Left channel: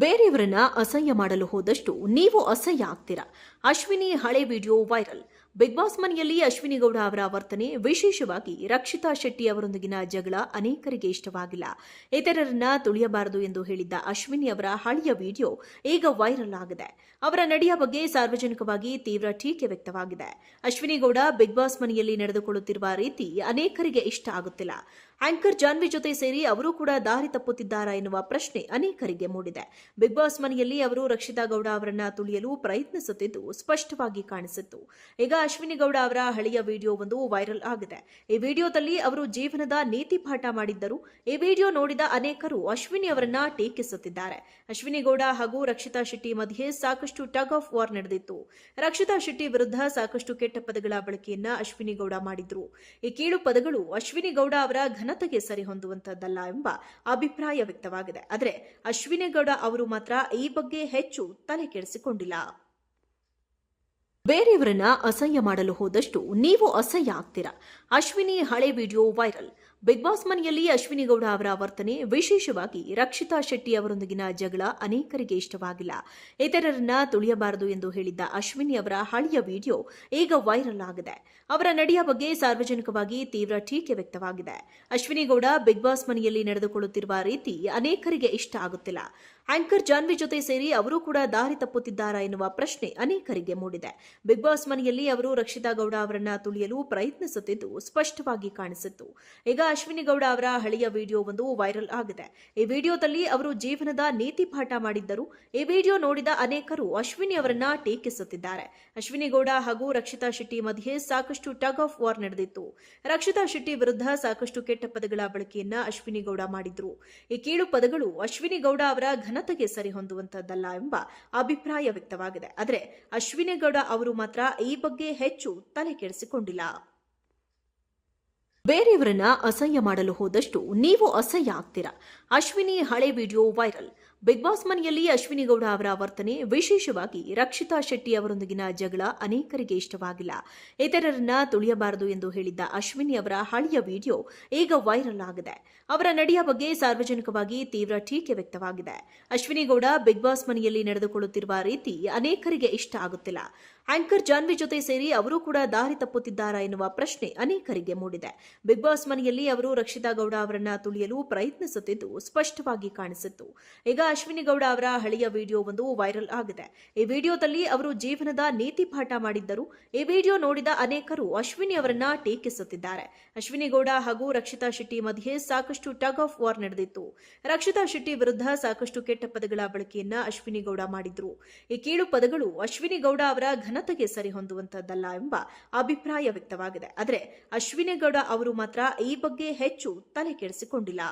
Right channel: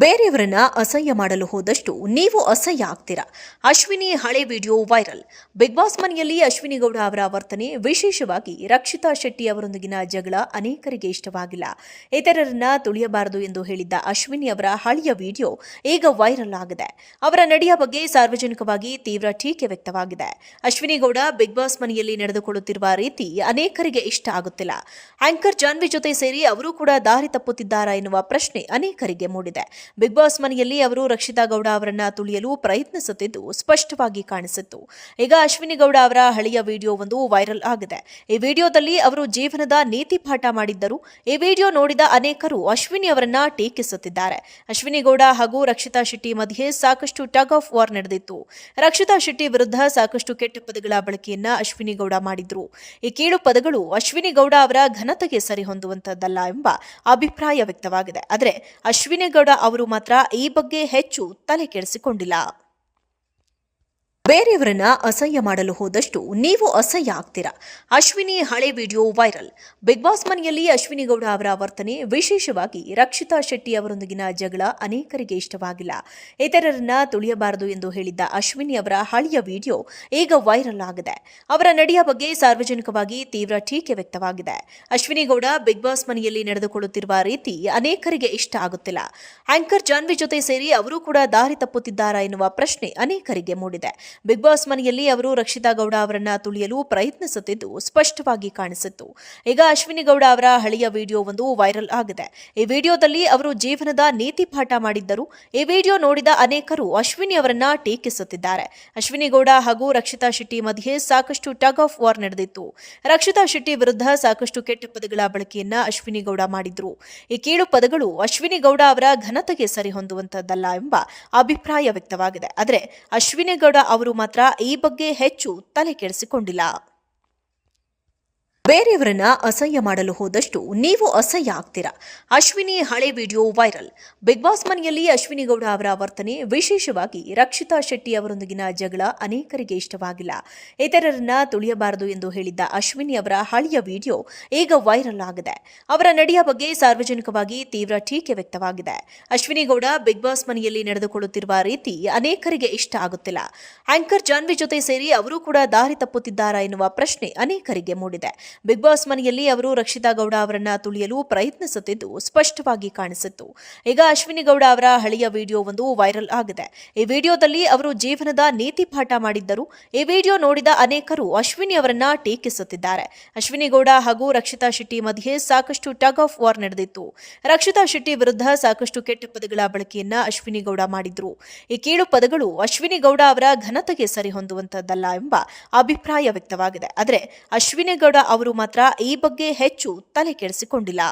ಬೇರೆಯವರನ್ನ ಅಸಹ್ಯ ಮಾಡಲು ಹೋದಷ್ಟು ನೀವು ಅಸಹ್ಯ ಆಗ್ತೀರಾ? ಅಶ್ವಿನಿ ಹಳೆ ವಿಡಿಯೋ ವೈರಲ್. ಬಿಗ್ ಬಾಸ್ ಮನೆಯಲ್ಲಿ ಅಶ್ವಿನಿ ಗೌಡ ಅವರ ವರ್ತನೆ ವಿಶೇಷವಾಗಿ ರಕ್ಷಿತಾ ಶೆಟ್ಟಿ ಅವರೊಂದಿಗಿನ ಜಗಳ ಅನೇಕರಿಗೆ ಇಷ್ಟವಾಗಿಲ್ಲ. ಇತರರನ್ನ ತುಳಿಯಬಾರದು ಎಂದು ಹೇಳಿದ್ದ ಅಶ್ವಿನಿ ಅವರ ಹಳೆಯ ವಿಡಿಯೋ ಈಗ ವೈರಲ್ ಆಗಿದೆ. ಅವರ ನಡೆಯ ಬಗ್ಗೆ ಸಾರ್ವಜನಿಕವಾಗಿ ತೀವ್ರ ಟೀಕೆ ವ್ಯಕ್ತವಾಗಿದೆ. ಅಶ್ವಿನಿ ಗೌಡ ಬಿಗ್ ಬಾಸ್ ಮನೆಯಲ್ಲಿ ನಡೆದುಕೊಳ್ಳುತ್ತಿರುವ ರೀತಿ ಅನೇಕರಿಗೆ ಇಷ್ಟ ಆಗುತ್ತಿಲ್ಲ. ಆಂಕರ್ ಜಾನ್ವಿ ಜೊತೆ ಸೇರಿ ಅವರು ಕೂಡ ದಾರಿ ತಪ್ಪುತ್ತಿದ್ದಾರಾ ಎನ್ನುವ ಪ್ರಶ್ನೆ ಅನೇಕರಿಗೆ ಮೂಡಿದೆ. ಬಿಗ್ ಬಾಸ್ ಮನೆಯಲ್ಲಿ ಅವರು ರಕ್ಷಿತಾ ಗೌಡ ಅವರನ್ನ ತುಳಿಯಲು ಪ್ರಯತ್ನಿಸುತ್ತಿದ್ದು ಸ್ಪಷ್ಟವಾಗಿ ಕಾಣಿಸಿತ್ತು. ಈಗ ಅಶ್ವಿನಿ ಗೌಡ ಅವರ ಹಳೆಯ ವಿಡಿಯೋ ಒಂದು ವೈರಲ್ ಆಗಿದೆ. ಈ ವಿಡಿಯೋದಲ್ಲಿ ಅವರು ಜೀವನದ ನೀತಿ ಪಾಠ ಮಾಡಿದ್ದರು. ಈ ವಿಡಿಯೋ ನೋಡಿದ ಅನೇಕರು ಅಶ್ವಿನಿ ಅವರನ್ನ ಟೀಕಿಸುತ್ತಿದ್ದಾರೆ. ಅಶ್ವಿನಿ ಗೌಡ ಹಾಗೂ ರಕ್ಷಿತಾ ಶೆಟ್ಟಿ ಮಧ್ಯೆ ಸಾಕಷ್ಟು ಟಗ್ ಆಫ್ ವಾರ್ ನಡೆದಿತ್ತು. ರಕ್ಷಿತಾ ಶೆಟ್ಟಿ ವಿರುದ್ಧ ಸಾಕಷ್ಟು ಕೆಟ್ಟ ಪದಗಳ ಬಳಕೆಯನ್ನ ಅಶ್ವಿನಿ ಗೌಡ ಮಾಡಿದ್ರು. ಈ ಕೀಳು ಪದಗಳು ಅಶ್ವಿನಿ ಗೌಡ ಅವರ ಘನತೆಗೆ ಸರಿಹೊಂದುವಂತದ್ದಲ್ಲ ಎಂಬ ಅಭಿಪ್ರಾಯ ವ್ಯಕ್ತವಾಗಿದೆ. ಆದರೆ ಅಶ್ವಿನಿ ಗೌಡ ಅವರು ಮಾತ್ರ ಈ ಬಗ್ಗೆ ಹೆಚ್ಚು ತಲೆ ಕೆಡಿಸಿಕೊಂಡಿಲ್ಲ ಬೇರೆಯವರನ್ನ ಅಸಹ್ಯ ಮಾಡಲು ಹೋದಷ್ಟು ನೀವು ಅಸಹ್ಯ ಆಗ್ತೀರಾ? ಅಶ್ವಿನಿ ಹಳೆ ವಿಡಿಯೋ ವೈರಲ್. ಬಿಗ್ ಬಾಸ್ ಮನೆಯಲ್ಲಿ ಅಶ್ವಿನಿ ಗೌಡ ಅವರ ವರ್ತನೆ ವಿಶೇಷವಾಗಿ ರಕ್ಷಿತಾ ಶೆಟ್ಟಿ ಅವರೊಂದಿಗಿನ ಜಗಳ ಅನೇಕರಿಗೆ ಇಷ್ಟವಾಗಿಲ್ಲ. ಇತರರನ್ನ ತುಳಿಯಬಾರದು ಎಂದು ಹೇಳಿದ್ದ ಅಶ್ವಿನಿ ಅವರ ಹಳೆಯ ವಿಡಿಯೋ ಈಗ ವೈರಲ್ ಆಗಿದೆ. ಅವರ ನಡೆಯ ಬಗ್ಗೆ ಸಾರ್ವಜನಿಕವಾಗಿ ತೀವ್ರ ಟೀಕೆ ವ್ಯಕ್ತವಾಗಿದೆ. ಅಶ್ವಿನಿ ಗೌಡ ಬಿಗ್ ಬಾಸ್ ಮನೆಯಲ್ಲಿ ನಡೆದುಕೊಳ್ಳುತ್ತಿರುವ ರೀತಿ ಅನೇಕರಿಗೆ ಇಷ್ಟ ಆಗುತ್ತಿಲ್ಲ. ಆಂಕರ್ ಜಾನ್ವಿ ಜೊತೆ ಸೇರಿ ಅವರು ಕೂಡ ದಾರಿ ತಪ್ಪುತ್ತಿದ್ದಾರಾ ಎನ್ನುವ ಪ್ರಶ್ನೆ ಅನೇಕರಿಗೆ ಮೂಡಿದೆ. ಬಿಗ್ ಬಾಸ್ ಮನೆಯಲ್ಲಿ ಅವರು ರಕ್ಷಿತಾ ಗೌಡ ಅವರನ್ನ ತುಳಿಯಲು ಪ್ರಯತ್ನಿಸುತ್ತಿದ್ದು ಸ್ಪಷ್ಟವಾಗಿ ಕಾಣಿಸಿತ್ತು. ಈಗ ಅಶ್ವಿನಿ ಗೌಡ ಅವರ ಹಳೆಯ ವಿಡಿಯೋ ಒಂದು ವೈರಲ್ ಆಗಿದೆ. ಈ ವಿಡಿಯೋದಲ್ಲಿ ಅವರು ಜೀವನದ ನೀತಿ ಪಾಠ ಮಾಡಿದ್ದರು. ಈ ವಿಡಿಯೋ ನೋಡಿದ ಅನೇಕರು ಅಶ್ವಿನಿ ಅವರನ್ನ ಟೀಕಿಸುತ್ತಿದ್ದಾರೆ. ಅಶ್ವಿನಿ ಗೌಡ ಹಾಗೂ ರಕ್ಷಿತಾ ಶೆಟ್ಟಿ ಮಧ್ಯೆ ಸಾಕಷ್ಟು ಟಗ್ ಆಫ್ ವಾರ್ ನಡೆದಿತ್ತು. ರಕ್ಷಿತಾ ಶೆಟ್ಟಿ ವಿರುದ್ಧ ಸಾಕಷ್ಟು ಕೆಟ್ಟ ಪದಗಳ ಬಳಕೆಯನ್ನ ಅಶ್ವಿನಿ ಗೌಡ ಮಾಡಿದ್ರು. ಈ ಕೀಳು ಪದಗಳು ಅಶ್ವಿನಿ ಗೌಡ ಅವರ ಘನತೆಗೆ ಸರಿಹೊಂದುವಂತದ್ದಲ್ಲ ಎಂಬ ಅಭಿಪ್ರಾಯ ವ್ಯಕ್ತವಾಗಿದೆ. ಆದರೆ ಅಶ್ವಿನಿ ಗೌಡ ಅವರು ಮಾತ್ರ ಈ ಬಗ್ಗೆ ಹೆಚ್ಚು ತಲೆ ಕೆಡಿಸಿಕೊಂಡಿಲ್ಲ ಬೇರೆಯವರನ್ನ ಅಸಹ್ಯ ಮಾಡಲು ಹೋದಷ್ಟು ನೀವು ಅಸಹ್ಯ ಆಗ್ತೀರಾ? ಅಶ್ವಿನಿ ಹಳೆ ವಿಡಿಯೋ ವೈರಲ್. ಬಿಗ್ ಬಾಸ್ ಮನೆಯಲ್ಲಿ ಅಶ್ವಿನಿ ಗೌಡ ಅವರ ವರ್ತನೆ ವಿಶೇಷವಾಗಿ ರಕ್ಷಿತಾ ಶೆಟ್ಟಿ ಅವರೊಂದಿಗಿನ ಜಗಳ ಅನೇಕರಿಗೆ ಇಷ್ಟವಾಗಿಲ್ಲ. ಇತರರನ್ನ ತುಳಿಯಬಾರದು ಎಂದು ಹೇಳಿದ್ದ ಅಶ್ವಿನಿ ಅವರ ಹಳೆಯ ವಿಡಿಯೋ ಈಗ ವೈರಲ್ ಆಗಿದೆ. ಅವರ ನಡೆಯ ಬಗ್ಗೆ ಸಾರ್ವಜನಿಕವಾಗಿ ತೀವ್ರ ಟೀಕೆ ವ್ಯಕ್ತವಾಗಿದೆ. ಅಶ್ವಿನಿ ಗೌಡ ಬಿಗ್ ಬಾಸ್ ಮನೆಯಲ್ಲಿ ನಡೆದುಕೊಳ್ಳುತ್ತಿರುವ ರೀತಿ ಅನೇಕರಿಗೆ ಇಷ್ಟ ಆಗುತ್ತಿಲ್ಲ. ಆಂಕರ್ ಜಾನ್ವಿ ಜೊತೆ ಸೇರಿ ಅವರು ಕೂಡ ದಾರಿ ತಪ್ಪುತ್ತಿದ್ದಾರಾ ಎನ್ನುವ ಪ್ರಶ್ನೆ ಅನೇಕರಿಗೆ ಮೂಡಿದೆ. ಬಿಗ್ ಬಾಸ್ ಮನೆಯಲ್ಲಿ ಅವರು ರಕ್ಷಿತಾ ಗೌಡ ಅವರನ್ನ ತುಳಿಯಲು ಪ್ರಯತ್ನಿಸುತ್ತಿದ್ದು ಸ್ಪಷ್ಟವಾಗಿ ಕಾಣಿಸಿತ್ತು. ಈಗ ಅಶ್ವಿನಿ ಗೌಡ ಅವರ ಹಳೆಯ ವಿಡಿಯೋ ಒಂದು ವೈರಲ್ ಆಗಿದೆ. ಈ ವಿಡಿಯೋದಲ್ಲಿ ಅವರು ಜೀವನದ ನೀತಿ ಪಾಠ ಮಾಡಿದ್ದರು. ಈ ವಿಡಿಯೋ ನೋಡಿದ ಅನೇಕರು ಅಶ್ವಿನಿ ಅವರನ್ನ ಟೀಕಿಸುತ್ತಿದ್ದಾರೆ. ಅಶ್ವಿನಿ ಗೌಡ ಹಾಗೂ ರಕ್ಷಿತಾ ಶೆಟ್ಟಿ ಮಧ್ಯೆ ಸಾಕಷ್ಟು ಟಗ್ ಆಫ್ ವಾರ್ ನಡೆದಿತ್ತು. ರಕ್ಷಿತಾ ಶೆಟ್ಟಿ ವಿರುದ್ಧ ಸಾಕಷ್ಟು ಕೆಟ್ಟ ಪದಗಳ ಬಳಕೆಯನ್ನ ಅಶ್ವಿನಿ ಗೌಡ ಮಾಡಿದ್ರು. ಈ ಕೀಳು ಪದಗಳು ಅಶ್ವಿನಿ ಗೌಡ ಅವರ ಘನತೆಗೆ ಸರಿಹೊಂದುವಂತದ್ದಲ್ಲ ಎಂಬ ಅಭಿಪ್ರಾಯ ವ್ಯಕ್ತವಾಗಿದೆ. ಆದರೆ ಅಶ್ವಿನಿ ಗೌಡ ಅವರು ಮಾತ್ರ ಈ ಬಗ್ಗೆ ಹೆಚ್ಚು ತಲೆ ಕೆಡಿಸಿಕೊಂಡಿಲ್ಲ